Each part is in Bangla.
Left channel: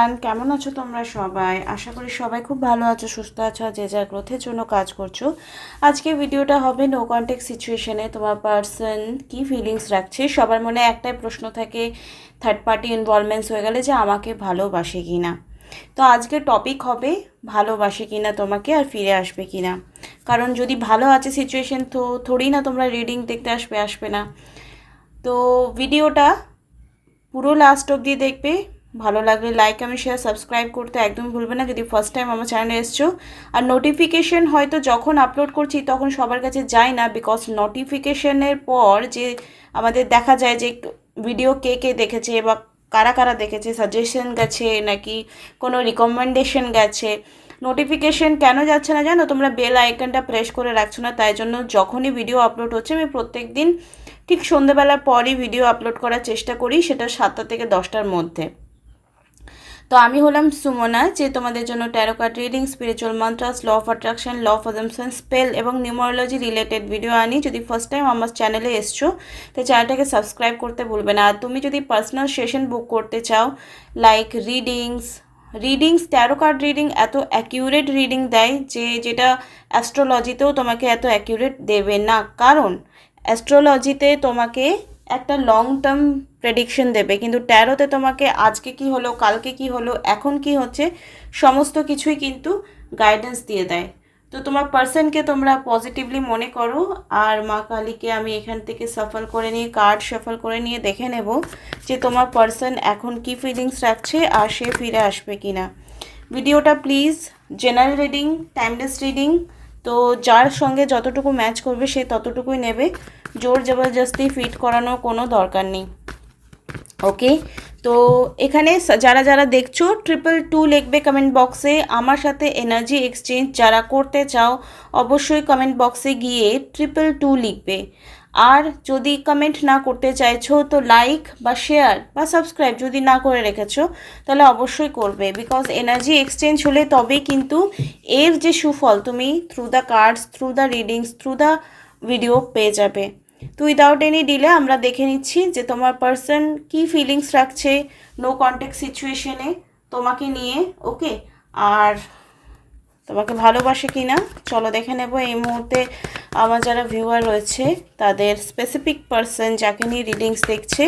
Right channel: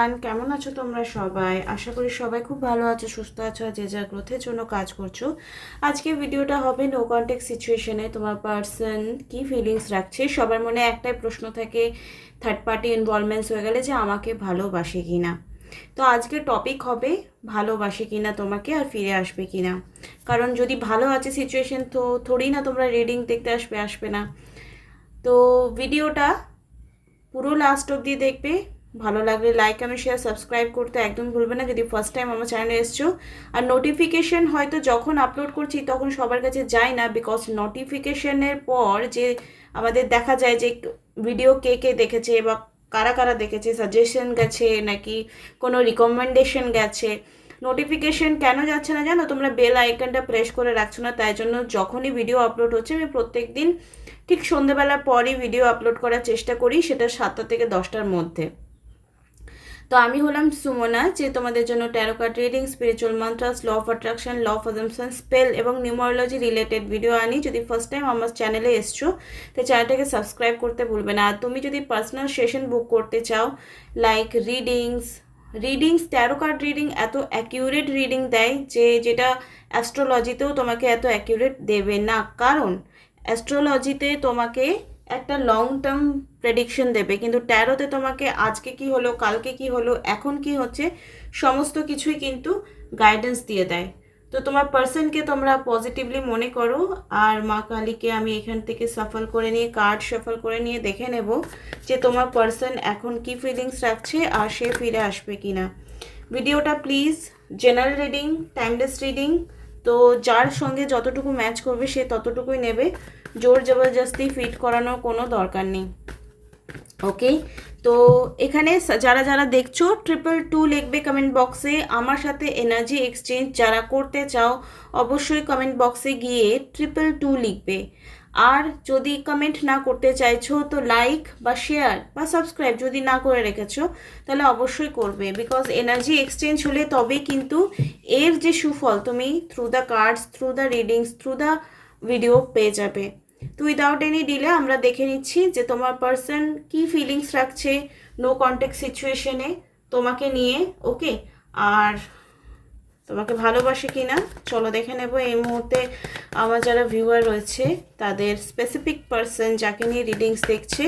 এভরিওয়ান, কেমন আছো তোমরা সবাই? আশা করি সবাই খুব ভালো আছো, সুস্থ আছো, যে যার গ্রোথের জন্য কাজ করছো। আজকে ভিডিওটা হবে নো কন্টেক্ট সিচুয়েশনে তোমার পার্সন কি ফিলিংস রাখছে। সবার মনে একটাই প্রশ্ন থাকে, থার্ড পার্টি ইনভলভমেন্টস হয়ে গেলে যে আমাকে ভালোবাসে কি না। তো আজকে টপিক হবে ভালোবাসে কি না তোমাকে, আর ফিরে আসবে কি না। কারণ যদি ভালো আছে সিচুয়েশন, তো থোড়ি না তোমরা রিডিং দেখতে আসবে না। তো ভিডিওটা পুরো লাস্ট অবধি দেখবে। ভালো লাগলে লাইক কমেন্ট শেয়ার সাবস্ক্রাইব করতে একদম ভুলবে না যদি ফার্স্ট টাইম আমার চ্যানেলে এসছো। আর নোটিফিকেশন হয়তো যখন আপলোড করছি তখন সবার কাছে যায় না, বিকজ নোটিফিকেশনের পর যে আমাদের দেখা যায় যে ভিডিও কে কে দেখেছে বা কারা কারা দেখেছে, সাজেশন গেছে নাকি কোনো রিকমেন্ডেশন গেছে। নোটিফিকেশন কেন যাচ্ছে না জানো? তোমরা বেল আইকনটা প্রেস করে রাখছো না, তাই জন্য যখনই ভিডিও আপলোড হচ্ছে আমি প্রত্যেক দিন ঠিক সন্ধ্যেবেলার পরই ভিডিও আপলোড করার চেষ্টা করি, সেটা 7টা থেকে 10টার মধ্যে। তো আমি হলাম সুমনা, যে তোমাদের জন্য tarot card reading, spiritual mantras, law of attraction, law of assumption, spell এবং নিউমারোলজি রিলেটেড ভিডিও আনি। যদি ফার্স্ট টাইম আমার চ্যানেলে এসছো তো চ্যানেলটাকে সাবস্ক্রাইব করতে ভুলবে না। আর তুমি যদি পার্সোনাল সেশন বুক করতে চাও, like readings taro card reading এত অ্যাকিউরেট রিডিং দেয় যে যেটা অ্যাস্ট্রোলজিতেও তোমাকে এত অ্যাকিউরেট দেবে না। কারণ অ্যাস্ট্রোলজিতে তোমাকে একটা লং টার্ম প্রেডিকশন দেবে, কিন্তু ট্যারোতে তোমাকে আজকে কি হলো, কালকে কি হলো, এখন কি হচ্ছে, সমস্ত কিছুই কিন্তু গাইডেন্স দিয়ে দেয়। তো তোমার পার্সনকে তোমরা পজিটিভলি মনে করো, আর মা কালীকে আমি এখান থেকে সাফল করে নিয়ে কার্ড সাফল করে নিয়ে দেখে নেব যে তোমার পার্সন এখন কি ফিলিংস রাখছে আর সে ফিরে আসবে কি না। ভিডিওটা please general reading, timeless reading, তো যার সঙ্গে যতটুকু ম্যাচ করবে সে ততটুকুই নেবে। জোর জবরদস্তি ফিট করানোর কোনো দরকার নেই। ওকে, তো এখানে যারা যারা দেখছো 222 লিখবে কমেন্ট বক্সে। আমার সাথে এনার্জি এক্সচেঞ্জ যারা করতে চাও অবশ্যই কমেন্ট বক্সে গিয়ে 222 লিখবে। আর যদি কমেন্ট না করতে চাইছো তো লাইক বা শেয়ার বা সাবস্ক্রাইব যদি না করে রেখেছো তাহলে অবশ্যই করবে, বিকজ এনার্জি এক্সচেঞ্জ হলে তবেই কিন্তু এর যে সুফল তুমি through the cards, through the readings, through the video পেয়ে যাবে। তো উইদাউট এনি ডিলে আমরা দেখে নিচ্ছি যে তোমার পার্সন কি ফিলিংস রাখছে নো কন্ট্যাক্ট সিচুয়েশনে তোমাকে নিয়ে। ওকে, আর তোমাকে ভালোবাসে কি না চলো দেখে নেব। এই মুহূর্তে আমার যারা ভিউয়ার রয়েছে তাদের স্পেসিফিক পার্সন যাকে নিয়ে রিডিংস দেখছে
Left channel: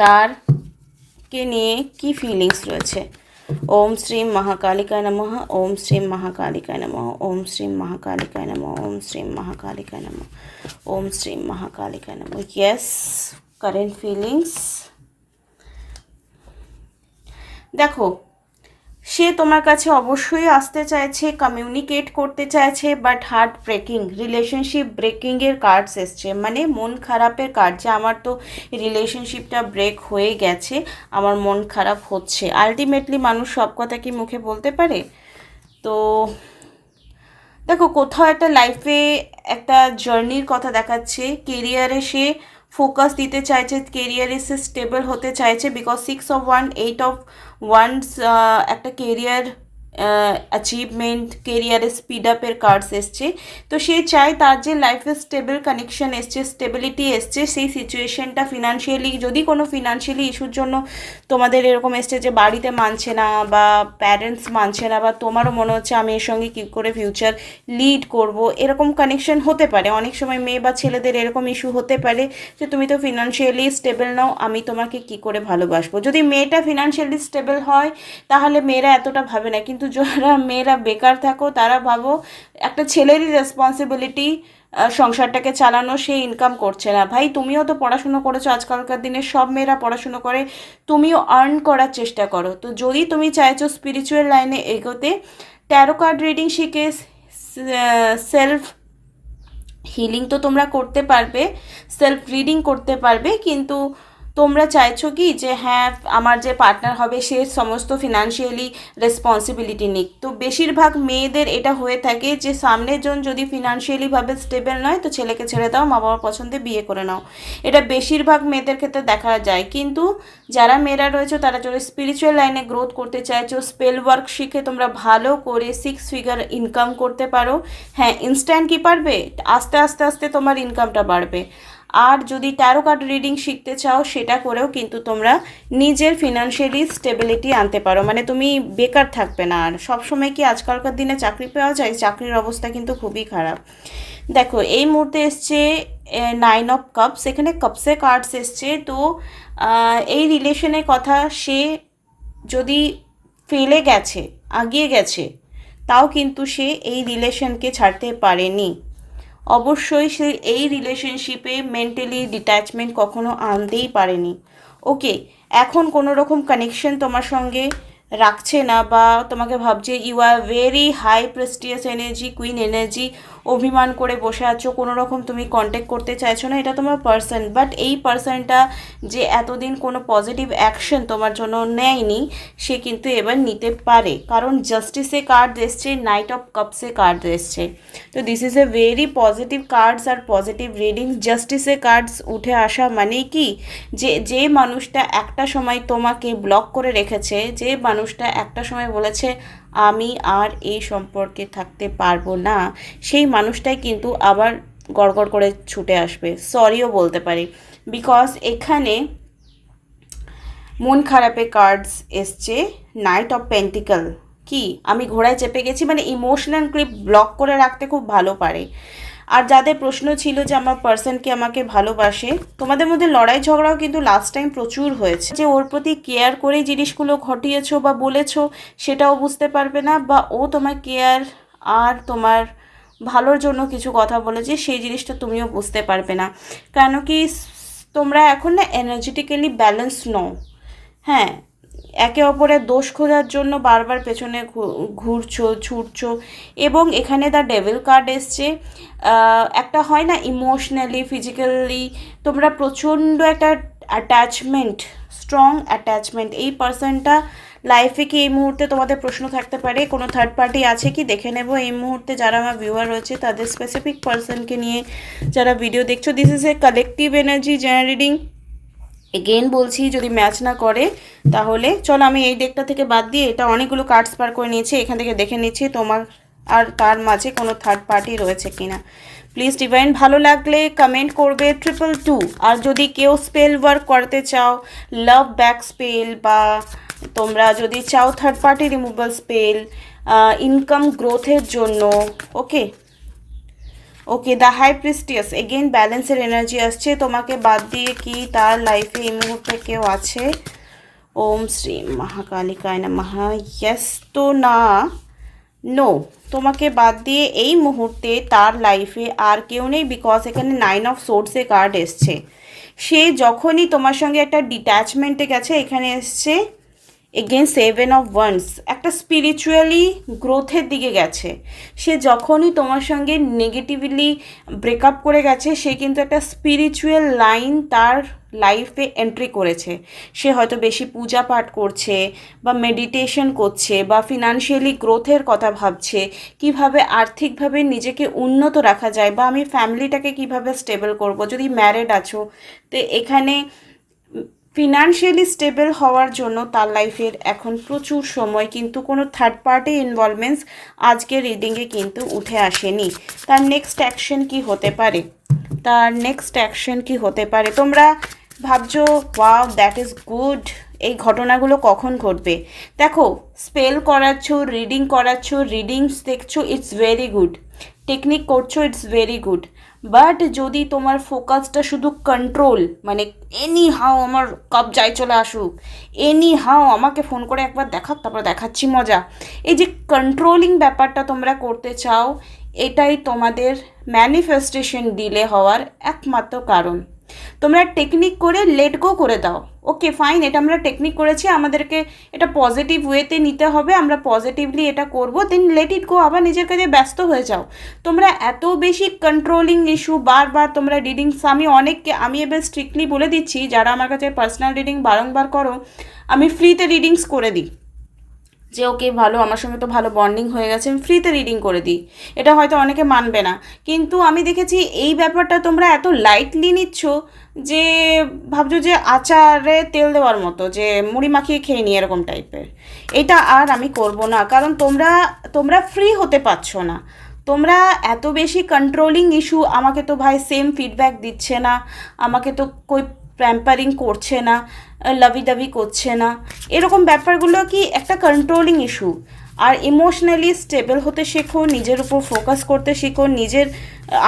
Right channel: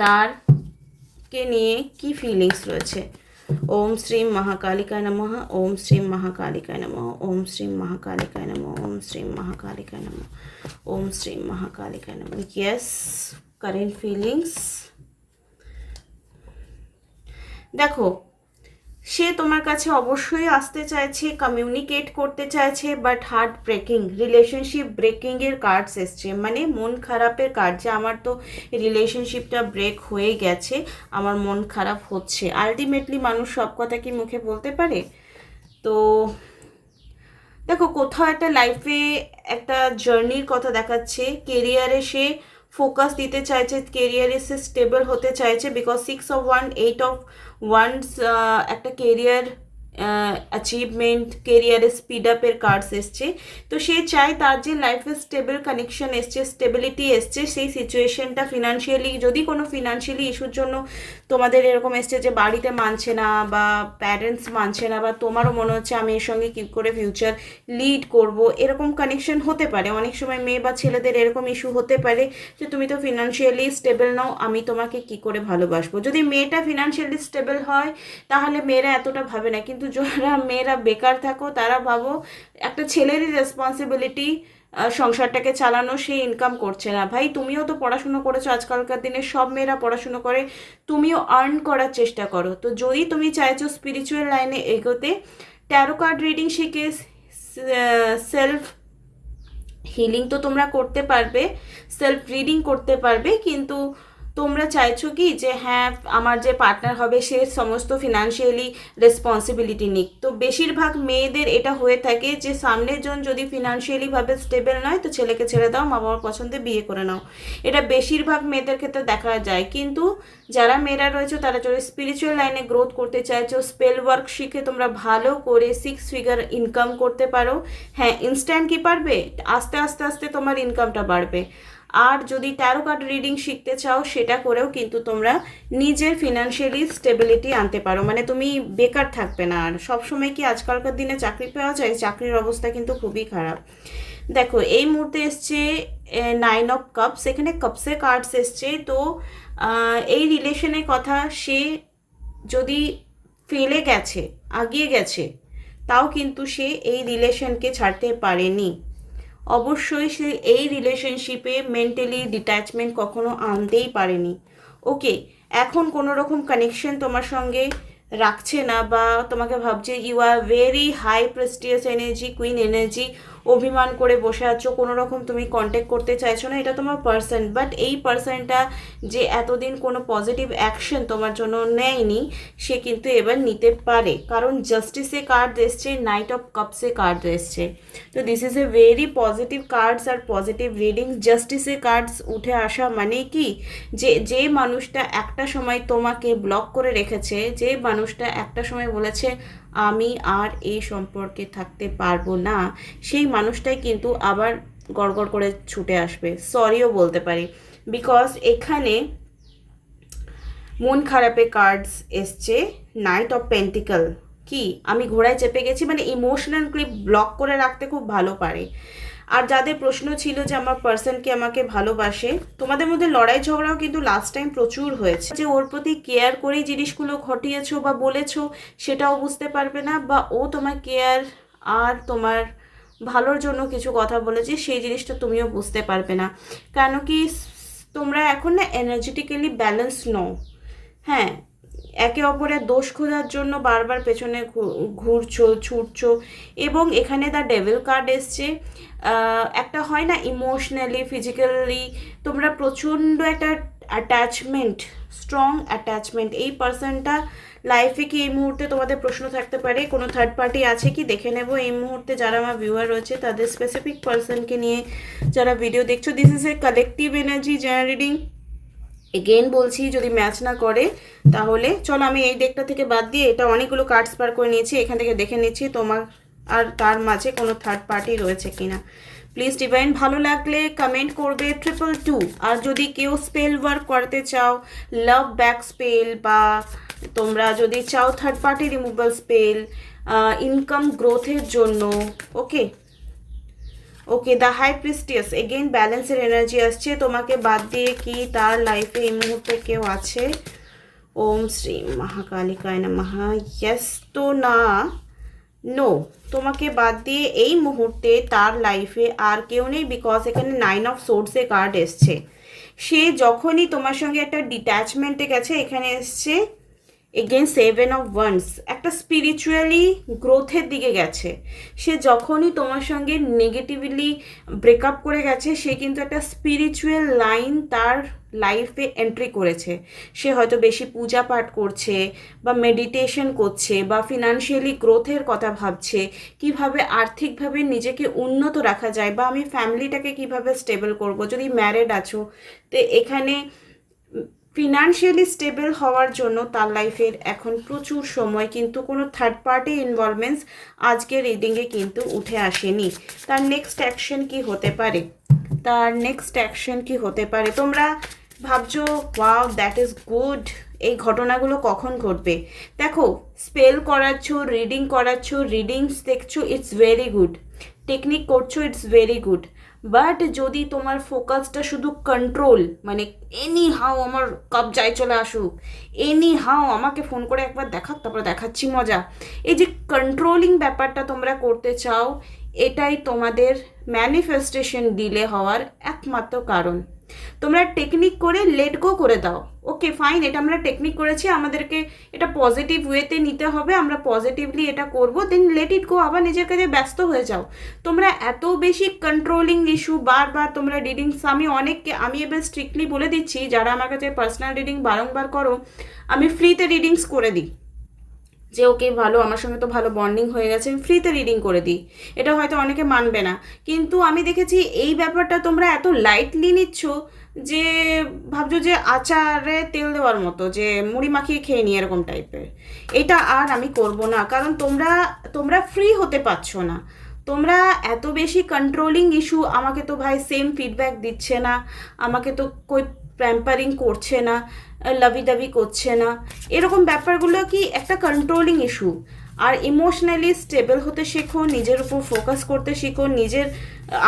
তারকে নিয়ে কি ফিলিংস রয়েছে। ওম শ্রীম মহাকালিকায় নমঃ, ওম শ্রীম মহাকালিকায় নমঃ, ওম শ্রীম মহাকালিকায় নমঃ, ওম শ্রীম মহাকালিকায় নমঃ, ওম শ্রীম মহাকালিকায় নমঃ। ইয়েস, কারেন্ট ফিলিংস দেখো, সে তোমার কাছে অবশ্যই আসতে চাইছে, কমিউনিকেট করতে চাইছে, বাট হার্ট ব্রেকিং, রিলেশনশিপ ব্রেকিংয়ের কার্ডস এসছে, মানে মন খারাপের কার্ড, যে আমার তো রিলেশনশিপটা ব্রেক হয়ে গেছে, আমার মন খারাপ হচ্ছে। আলটিমেটলি মানুষ সব কথা কি মুখে বলতে পারে? তো দেখো, কোথাও একটা লাইফে একটা জার্নির কথা দেখাচ্ছে, কেরিয়ারে সে ফোকাস দিতে চাইছে, কেরিয়ারে সে স্টেবল হতে চাইছে, বিকজ 6 of 1 8 of 1 একটা কেরিয়ার অ্যাচিভমেন্ট, কেরিয়ারে স্পিড আপের কার্ডস এসছে। তো সে চায় তার যে লাইফে স্টেবল কানেকশন এসছে, স্টেবিলিটি এসছে, সেই সিচুয়েশনটা ফিনান্সিয়ালি, যদি কোনো ফিনান্সিয়ালি ইস্যুর জন্য তোমাদের এরকম এসছে যে বাড়িতে মানছে না বা প্যারেন্টস মানছে না, বা তোমারও মনে হচ্ছে আমি এর সঙ্গে কী করে ফিউচার লিড করব, এরকম কানেকশন হতে পারে। অনেক সময় মেয়ে বা ছেলেদের এরকম ইস্যু হতে পারে যে তুমি তো ফিনান্সিয়ালি স্টেবল নাও, আমি তোমাকে কি করে ভালোবাসবো। যদি মেয়েটা ফিনান্সিয়ালি স্টেবল হয় তাহলে মেয়েরা এতটা ভাবে না, কিন্তু যারা মেয়েরা বেকার থাকো তারা ভাবো একটা ছেলেরই রেসপন্সিবিলিটি সংসারটাকে চালানো, সে ইনকাম করছে না। ভাই, তুমিও তো পড়াশুনো করেছো, আজকালকার দিনে সব মেয়েরা পড়াশুনো করে, তুমিও আর্ন করার চেষ্টা করো। তো যদি তুমি চাইছো স্পিরিচুয়াল লাইনে এগোতে, ট্যারো কার্ড রিডিং শিখে সেলফ হিলিং তো তোমরা করতে পারবে, সেলফ রিডিং করতে পারবে, কিন্তু তোমরা চাইছো কি যে হ্যাঁ আমার যে পার্টনার হবে সে সমস্ত ফিনান্সিয়ালি রেসপন্সিবিলিটি নিক। তো বেশিরভাগ মেয়েদের এটা হয়ে থাকে যে সামনের জন যদি ফিনান্সিয়ালিভাবে স্টেবল নয় তো ছেলেকে ছেড়ে দাও, মা বাবার পছন্দে বিয়ে করে নাও, এটা বেশিরভাগ মেয়েদের ক্ষেত্রে দেখা যায়। কিন্তু যারা মেয়েরা রয়েছে তারা যদি স্পিরিচুয়াল লাইনে গ্রোথ করতে চাইছো, স্পেল ওয়ার্ক শিখে তোমরা ভালো করে 6 ফিগার ইনকাম করতে পারো। হ্যাঁ, ইনস্ট্যান্ট কি পারবে, আস্তে আস্তে আস্তে তোমার ইনকামটা বাড়বে। আর যদি ট্যারো কার্ড রিডিং শিখতে চাও সেটা করেও কিন্তু তোমরা নিজের ফিনান্সিয়ালি স্টেবিলিটি আনতে পারো, মানে তুমি বেকার থাকবে না। আর সবসময় কি আজকালকার দিনে চাকরি পাওয়া যায়? চাকরির অবস্থা কিন্তু খুবই খারাপ। দেখো এই মুহূর্তে এসছে 9 অফ কাপস, এখানে কাপসে কার্ডস এসছে। তো এই রিলেশনের কথা, সে যদি ফেলে গেছে, আগিয়ে গেছে, তাও কিন্তু সে এই রিলেশনকে ছাড়তে পারেনি। অবশ্যই সে এই রিলেশনশিপে মেন্টালি ডিট্যাচমেন্ট কখনো আনতেই পারেনি। ওকে, এখন কোনো রকম কানেকশন তোমার সঙ্গে রাখছে না, বা তোমাকে ভাবছে you are very high prestigious energy, queen energy, অভিমান করে বসে আছো, কোনো রকম তুমি কন্ট্যাক্ট করতে চাইছো না, এটা তোমার পার্সন। বাট এই পার্সনটা যে এতদিন কোনো পজিটিভ অ্যাকশন তোমার জন্য নেয়নি, সে কিন্তু এবার নিতে পারে, কারণ জাস্টিসে কার্ড এসছে, নাইট অফ কাপসে কার্ড এসছে। তো this is a very positive cards আর পজিটিভ রিডিং। জাস্টিসে কার্ডস উঠে আসা মানে কি, যে মানুষটা একটা সময় তোমাকে ব্লক করে রেখেছে, যে মানুষটা একটা সময় বলেছে আমি আর এই সম্পর্কে থাকতে পারবো না, সেই মানুষটাই কিন্তু আবার গড়গড় করে ছুটে আসবে, সরিও বলতে পারি। বিকজ এখানে মন খারাপের কার্ডস এসছে, নাইট অফ পেন্টিকল। কি আমি ঘোড়ায় চেপে গেছি, মানে ইমোশনাল ক্লিপ ব্লক করে রাখতে খুব ভালো পারে। আর যাদের প্রশ্ন ছিল যে আমার পার্সন কি আমাকে ভালোবাসে, তোমাদের মধ্যে লড়াই ঝগড়াও কিন্তু লাস্ট টাইম প্রচুর হয়েছে, যে ওর প্রতি কেয়ার করে জিনিসগুলো ঘটিয়েছো বা বলেছো সেটাও বুঝতে পারবে না, বা ও তোমার কেয়ার আর তোমার ভালোর জন্য কিছু কথা বলেছে সেই জিনিসটা তুমিও বুঝতে পারবে না। কেন কি তোমরা এখন না এনার্জেটিক্যালি ব্যালেন্স নও। হ্যাঁ, একে অপরের দোষ খোঁজার জন্য বারবার পেছনে ঘুরছো, ছুটছো। এবং এখানে দ্য ডেভিল কার্ড এসছে। একটা হয় না ইমোশনালি, ফিজিক্যালি তোমরা প্রচণ্ড একটা অ্যাটাচমেন্ট, স্ট্রং অ্যাটাচমেন্ট। এই পার্সনটা লাইফে কি এই মুহূর্তে তোমাদের প্রশ্ন থাকতে পারে কোনো থার্ড পার্টি আছে কি, দেখে নেব এই মুহূর্তে যারা আমার ভিউয়ার রয়েছে তাদের স্পেসিফিক পার্সনকে নিয়ে যারা ভিডিও দেখছো। This is a collective energy generating. Again বলছি, যদি ম্যাচ না করে তাহলে চলো আমি এই ডেকটা থেকে বাদ দিয়ে এটা অনেকগুলো কার্ডস পার করে নিয়েছি, এখান থেকে দেখে নিচ্ছি তোমার আর তার মাঝে কোনো থার্ড পার্টি রয়েছে কিনা। প্লিজ ডিভাইন, ভালো লাগলে কমেন্ট করবে 222। আর যদি কেউ স্পেল ওয়ার্ক করতে চাও, লাভ ব্যাক স্পেল, বা তোমরা যদি চাও third party removal spell income গ্রোথের জন্য, ওকে ওকে দ্য হাই প্রিস্টিয়াস, এগেন ব্যালেন্সের এনার্জি আসছে। তোমাকে বাদ দিয়ে কি তার লাইফে এই মুহূর্তে কেউ আছে? ওম শ্রী মহাকালিকায় নমঃ। ইয়েস তো না, নো, তোমাকে বাদ দিয়ে এই মুহূর্তে তার লাইফে আর কেউ নেই। বিকজ এখানে 9 অফ সোর্সে কার্ড এসছে। সে যখনই তোমার সঙ্গে একটা ডিট্যাচমেন্টে গেছে, এখানে এসছে এগেন 7 অফ ওয়ান্স, একটা স্পিরিচুয়ালি গ্রোথের দিকে গেছে। সে যখনই তোমার সঙ্গে নেগেটিভলি ব্রেকআপ করে গেছে, সে কিন্তু একটা স্পিরিচুয়াল লাইন তার লাইফে এন্ট্রি করেছে। সে হয়তো বেশি পূজা পাঠ করছে, বা মেডিটেশন করছে, বা ফিনান্সিয়ালি গ্রোথের কথা ভাবছে, কিভাবে আর্থিকভাবে নিজেকে উন্নত রাখা যায়, বা আমি ফ্যামিলিটাকে কিভাবে স্টেবল করব। যদি ম্যারিড আছো তো এখানে ফিনান্সিয়ালি স্টেবল হওয়ার জন্য তার লাইফের এখন প্রচুর সময়, কিন্তু কোনো থার্ড পার্টি ইনভলভমেন্টস আজকের রিডিংয়ে কিন্তু উঠে আসেনি। তার নেক্সট অ্যাকশন কি হতে পারে, তার নেক্সট অ্যাকশন কি হতে পারে? তোমরা ভাবছো ওয়াও দ্যাট ইজ গুড, এই ঘটনাগুলো কখন ঘটবে? দেখো, স্পেল করাচ্ছ, রিডিং করাচ্ছ, রিডিংস দেখছো, ইটস ভেরি গুড। টেকনিক করছো, ইটস ভেরি গুড। বাট যদি তোমার ফোকাসটা শুধু কন্ট্রোল, মানে এনি হাও আমার কবজায় চলে আসুক, এনি হাও আমাকে ফোন করে একবার দেখাক, তারপর দেখাচ্ছি মজা, এই যে কন্ট্রোলিং ব্যাপারটা তোমরা করতে চাও, এটাই তোমাদের ম্যানিফেস্টেশন ডিলে হওয়ার একমাত্র কারণ। তোমরা টেকনিক করে লেট গো করে দাও। ওকে ফাইন, এটা আমরা টেকনিক করেছি, আমাদেরকে এটা পজিটিভ ওয়েতে নিতে হবে, আমরা পজিটিভলি এটা করব, দেন লেট ইট গো, আবার নিজের কাজে ব্যস্ত হয়ে যাও। তোমরা এত বেশি কন্ট্রোলিং ইস্যু বারবার তোমরা রিডিংস, আমি এবার স্ট্রিক্টলি বলে দিচ্ছি, যারা আমার কাছে পার্সোনাল রিডিং বারংবার করো, আমি ফ্রিতে রিডিংস করে দিই, যে ওকে ভালো, আমার সঙ্গে তো ভালো বন্ডিং হয়ে গেছে, আমি ফ্রিতে রিডিং করে দিই। এটা হয়তো অনেকে মানবে না, কিন্তু আমি দেখেছি এই ব্যাপারটা তোমরা এত লাইটলি নিচ্ছ, যে ভাবছো যে আচারে তেল দেওয়ার মতো, যে মুড়ি মাখিয়ে খেয়ে নিই এরকম টাইপের। এটা আর আমি করব না, কারণ তোমরা ফ্রি হতে পারছো না। তোমরা এত বেশি কন্ট্রোলিং ইস্যু, আমাকে তো ভাই সেম ফিডব্যাক দিচ্ছে না, আমাকে তো কই প্যাম্পারিং করছে না, লাভি দাবি করছে না, এরকম ব্যাপারগুলো কি একটা কন্ট্রোলিং ইস্যু। আর ইমোশনালি স্টেবল হতে শেখো, নিজের উপর ফোকাস করতে শেখো, নিজের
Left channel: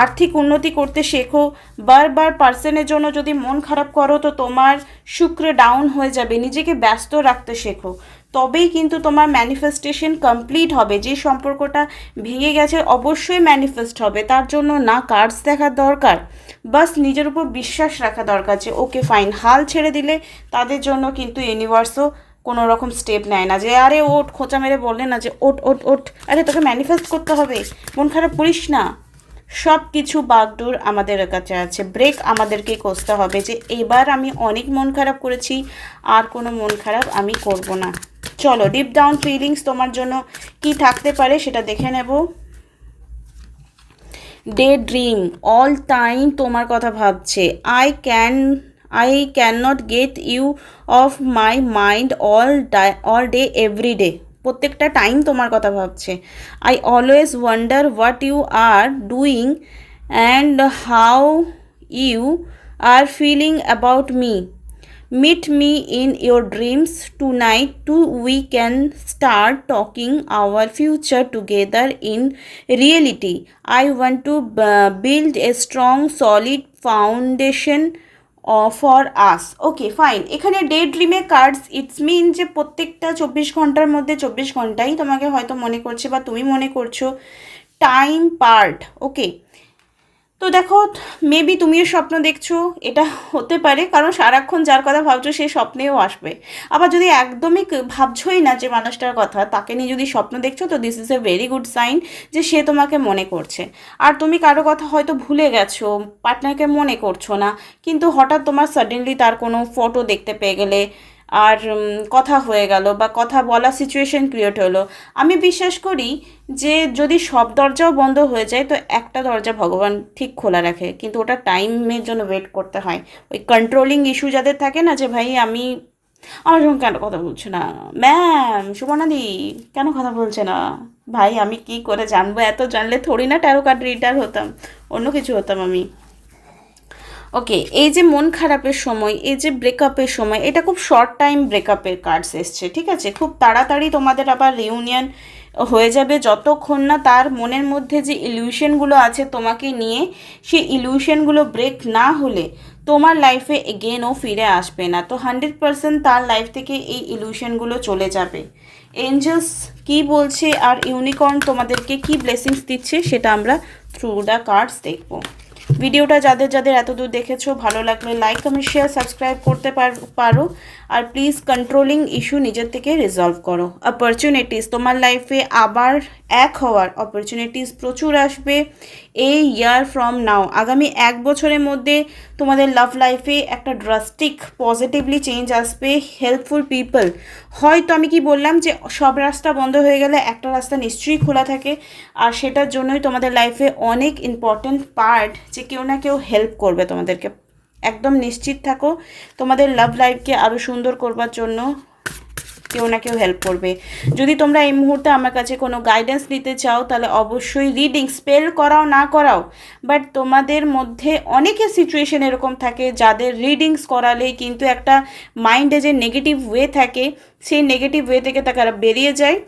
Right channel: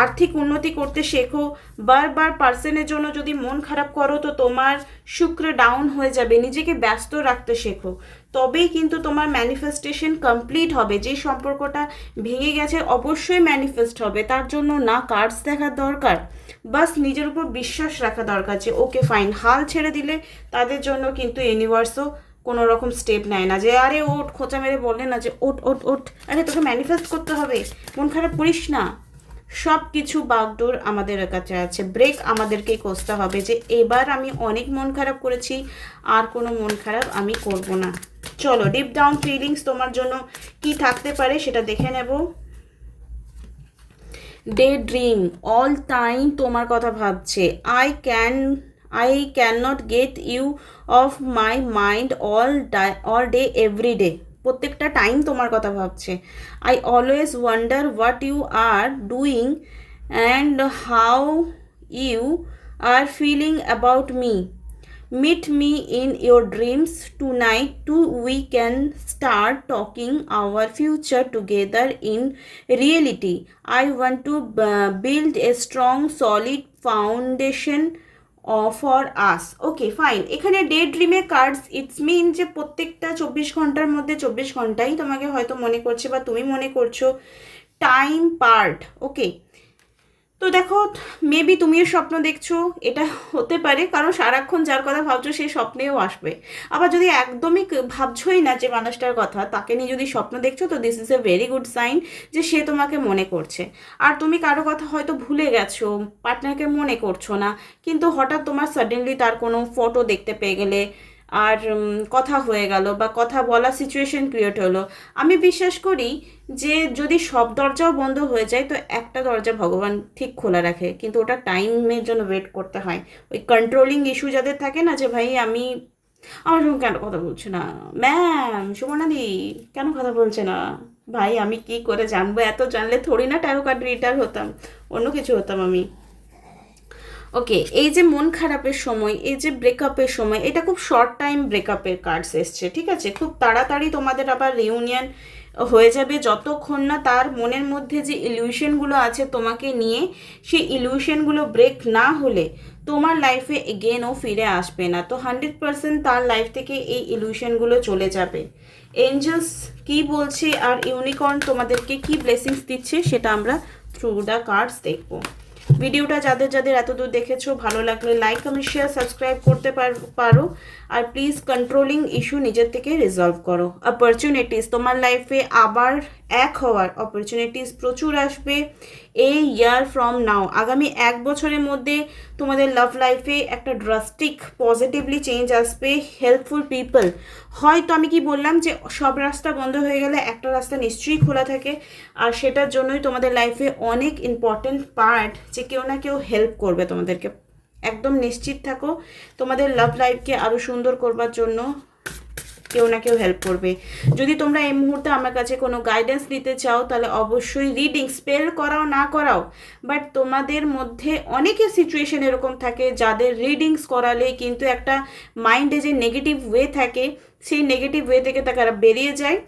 আর্থিক উন্নতি করতে শেখো। বারবার পার্সনের জন্য যদি মন খারাপ করো তো তোমার শুক্র ডাউন হয়ে যাবে। নিজেকে ব্যস্ত রাখতে শেখো, তবেই কিন্তু তোমার ম্যানিফেস্টেশন কমপ্লিট হবে। যে সম্পর্কটা ভেঙে গেছে অবশ্যই ম্যানিফেস্ট হবে। তার জন্য না কার্ডস দেখার দরকার, বাস নিজের উপর বিশ্বাস রাখা দরকার যে ওকে ফাইন। হাল ছেড়ে দিলে তাদের জন্য কিন্তু ইউনিভার্সও কোনো রকম স্টেপ নেয় না, যে আরে ওট খোঁচা মেরে বললে না যে ওট ওট ওট, আরে তোকে ম্যানিফেস্ট করতে হবে, মন খারাপ করিস না। সব কিছু বাগডোর আমাদের কাছে আছে, ব্রেক আমাদেরকেই কষতে হবে যে এবার আমি অনেক মন খারাপ করেছি, আর কোনো মন খারাপ আমি করব না। চলো ডিপ ডাউন ফিলিংস তোমার জন্য কি থাকতে পারে সেটা দেখে নেব। ডে ড্রিম, অল টাইম তোমার কথা ভাবছে। I can not get you of my mind all day every day, প্রত্যেকটা টাইম তোমার কথা ভাবছে। I always wonder what you are doing and how you are feeling about me. Meet me in your dreams tonight so we can start talking our future together in reality. I want to build a strong solid foundation for us. Okay fine, এখানে ডে ড্রিমে কার্ডস ইটস মিন যে প্রত্যেকটা 24 ঘন্টার মধ্যে 24 ঘন্টাই তোমাকে হয়তো মনে করছে বা তুমি মনে করছো টাইম পার্ট। ওকে, তো দেখো মেবি তুমিও স্বপ্ন দেখছো, এটা হতে পারে, কারণ সারাক্ষণ যার কথা ভাবছো সে স্বপ্নেও আসবে। আবার যদি একদমই ভাবছোই না যে মানুষটার কথা, তাকে নিয়ে যদি স্বপ্ন দেখছো তো this is a very good sign যে সে তোমাকে মনে করছে। আর তুমি কারো কথা হয়তো ভুলে গেছো, পার্টনারকে মনে করছো না, কিন্তু হঠাৎ তোমার সাডেনলি তার কোনো ফটো দেখতে পেয়ে গেলে আর কথা হয়ে গেল বা কথা বলা সিচুয়েশন ক্রিয়েট হলো। আমি বিশ্বাস করি যে যদি সব দরজাও বন্ধ হয়ে যায় তো একটা দরজা ভগবান ঠিক খোলা রাখে, কিন্তু ওটা টাইমের জন্য ওয়েট করতে হয়। ওই কন্ট্রোলিং ইস্যু যাদের থাকে না, যে ভাই আমার সঙ্গে কেন কথা বলছে না, ম্যাম সুবর্ণাদি কেন কথা বলছে না, ভাই আমি কি করে জানবো, এত জানলে থোড়ি না ট্যারো কার্ড রিডার হতাম, অন্য কিছু হতাম আমি। ওকে, এই যে মন খারাপের সময়, এই যে ব্রেকআপের সময়, এটা খুব শর্ট টাইম ব্রেকআপের কার্ডস এসছে, ঠিক আছে? খুব তাড়াতাড়ি তোমাদের আবার রিউনিয়ন হয়ে যাবে, যতক্ষণ না তার মনের মধ্যে যে ইলিউশনগুলো আছে তোমাকে নিয়ে, সেই ইলিউশনগুলো ব্রেক না হলে তোমার লাইফে এগেন ও ফিরে আসবে না। তো 100% তার লাইফ থেকে এই ইলিউশনগুলো চলে যাবে। এঞ্জেলস কি বলছে আর ইউনিকর্ন তোমাদেরকে কি ব্লেসিংস দিচ্ছে সেটা আমরা থ্রু দ্য কার্ডস দেখবো। ভিডিওটা যাদের যাদের এত দূর দেখেছো, ভালো লাগলে লাইক কমেন্ট শেয়ার সাবস্ক্রাইব করতে পারো। আর প্লিজ কন্ট্রোলিং ইস্যু নিজের থেকে রিজলভ করো। অপরচুনিটিস, তোমার লাইফে আবার এক হওয়ার অপরচুনিটিস প্রচুর আসবে এই ইয়ার ফ্রম নাও। আগামী 1 বছরের মধ্যে তোমাদের লাভ লাইফে একটা ড্রাস্টিক পজিটিভলি চেঞ্জ আসবে। হেল্পফুল পিপল, হয়তো আমি কি বললাম যে সব রাস্তা বন্ধ হয়ে গেলে একটা রাস্তা নিশ্চয়ই খোলা থাকে, আর সেটার জন্যই তোমাদের লাইফে অনেক ইম্পর্টেন্ট পার্ট যে কেউ না কেউ হেল্প করবে তোমাদেরকে। একদম নিশ্চিত থাকো, তোমাদের লাভ লাইফকে আরও সুন্দর করবার জন্য কেউ না কেউ হেল্প করবে। যদি তোমরা এই মুহূর্তে আমার কাছে কোনো গাইডেন্স নিতে চাও তাহলে অবশ্যই রিডিং, স্পেল করাও না করাও, বাট তোমাদের মধ্যে অনেকের সিচুয়েশন এরকম থাকে যাদের রিডিংস করালে কিন্তু একটা মাইন্ডে যে নেগেটিভ ওয়ে থাকে, সেই নেগেটিভ ওয়ে থেকে তারা বেরিয়ে যায়,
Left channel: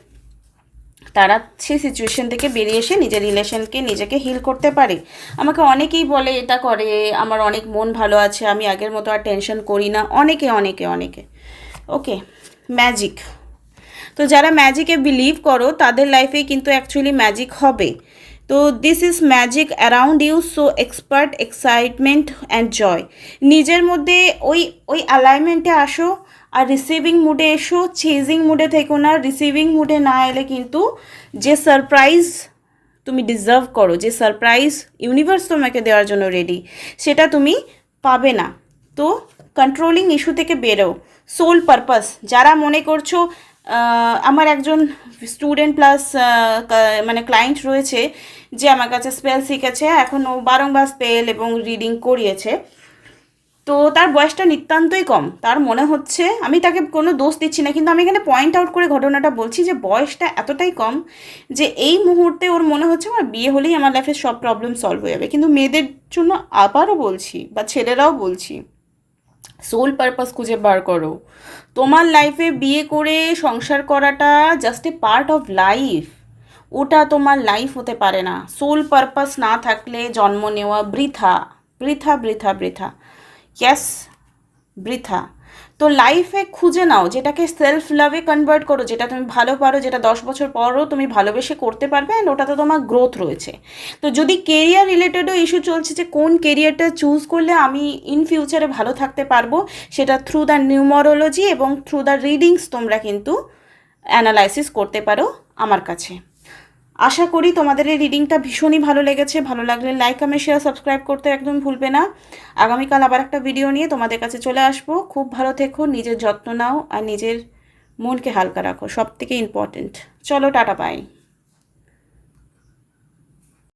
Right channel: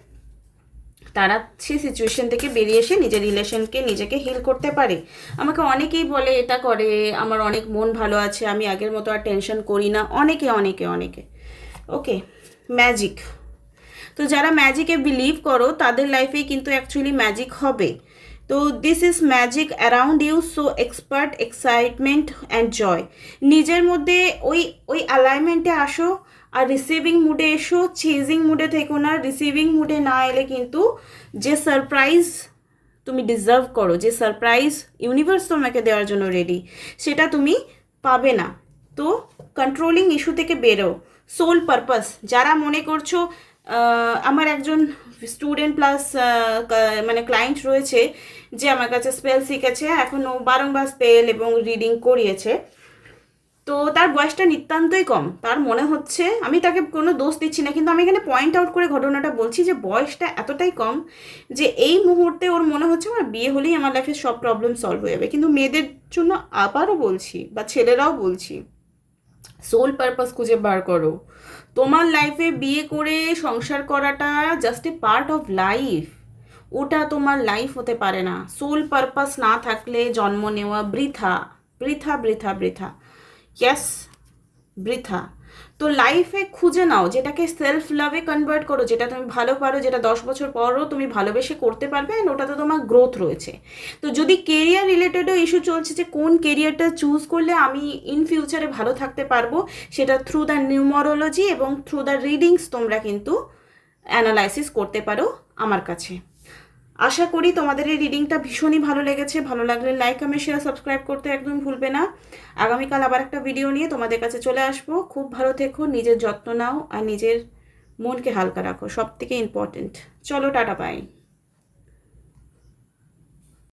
তারা সেই সিচুয়েশন থেকে বেরিয়ে এসে নিজের রিলেশনকে নিজেকে হিল করতে পারে। আমাকে অনেকেই বলে এটা করে, আমার অনেক মন ভালো আছে, আমি আগের মতো আর টেনশন করি না, অনেকে অনেকে অনেকে। ওকে, ম্যাজিক, তো যারা ম্যাজিকে বিলিভ করো তাদের লাইফে কিন্তু অ্যাকচুয়ালি ম্যাজিক হবে। তো this is magic around you, so expert excitement and joy. নিজের মধ্যে ওই ওই অ্যালাইনমেন্টে আসো, আর রিসিভিং মুডে এসো, চেজিং মুডে থেকো না। রিসিভিং মুডে না এলে কিন্তু যে সারপ্রাইজ তুমি ডিজার্ভ করো, যে সারপ্রাইজ ইউনিভার্স তোমাকে দেওয়ার জন্য রেডি, সেটা তুমি পাবে না। তো কন্ট্রোলিং ইস্যু থেকে বেরো। সোল পারপাস, যারা মনে করছো আমার একজন স্টুডেন্ট প্লাস মানে ক্লায়েন্ট রয়েছে যে আমার কাছে স্পেল শিখেছে, এখনও বারংবার স্পেল এবং রিডিং করিয়েছে, তো তার বয়সটা নিতান্তই কম, তার মনে হচ্ছে, আমি তাকে কোনো দোষ দিচ্ছি না, কিন্তু আমি এখানে পয়েন্ট আউট করে ঘটনাটা বলছি যে বয়সটা এতটাই কম যে এই মুহূর্তে ওর মনে হচ্ছে আমার বিয়ে হলেই আমার লাইফের সব প্রবলেম সলভ হয়ে যাবে। কিন্তু মেয়েদের জন্য আবারও বলছি, বা ছেলেরাও বলছি, সোল পারপাস খুঁজে বার করো। তোমার লাইফে বিয়ে করে সংসার করাটা just a part of life, ওটা তোমার লাইফ হতে পারে না। সোল পারপাস না থাকলে জন্ম নেওয়া বৃথা, বৃথা বৃথা বৃথা, ইয়াস, বৃথা। তো লাইফে খুঁজে নাও যেটাকে সেলফ লাভে কনভার্ট করো, যেটা তুমি ভালো পারো, যেটা 10 বছর পরও তুমি ভালোবেসে করতে পারবে, অ্যান্ড ওটাতে তোমার গ্রোথ রয়েছে। তো যদি কেরিয়ার রিলেটেডও ইস্যু চলছে যে কোন কেরিয়ারটা চুজ করলে আমি ইন ফিউচারে ভালো থাকতে পারবো, সেটা থ্রু দ্য নিউমারোলজি এবং থ্রু দ্য রিডিংস তোমরা কিন্তু অ্যানালাইসিস করতে পারো আমার কাছে। আশা করি তোমাদের এই রিডিংটা ভীষণই ভালো লেগেছে। ভালো লাগলে লাইক, কমেন্ট, শেয়ার, সাবস্ক্রাইব করতে একদম ভুলবে না। আগামীকাল আবার একটা ভিডিও নিয়ে তোমাদের কাছে চলে আসবো। খুব ভালো থেকো, নিজের যত্ন নাও, আর নিজের মনকে হালকা রাখো, সব থেকে ইম্পর্টেন্ট। চলো, টাটা, বাই।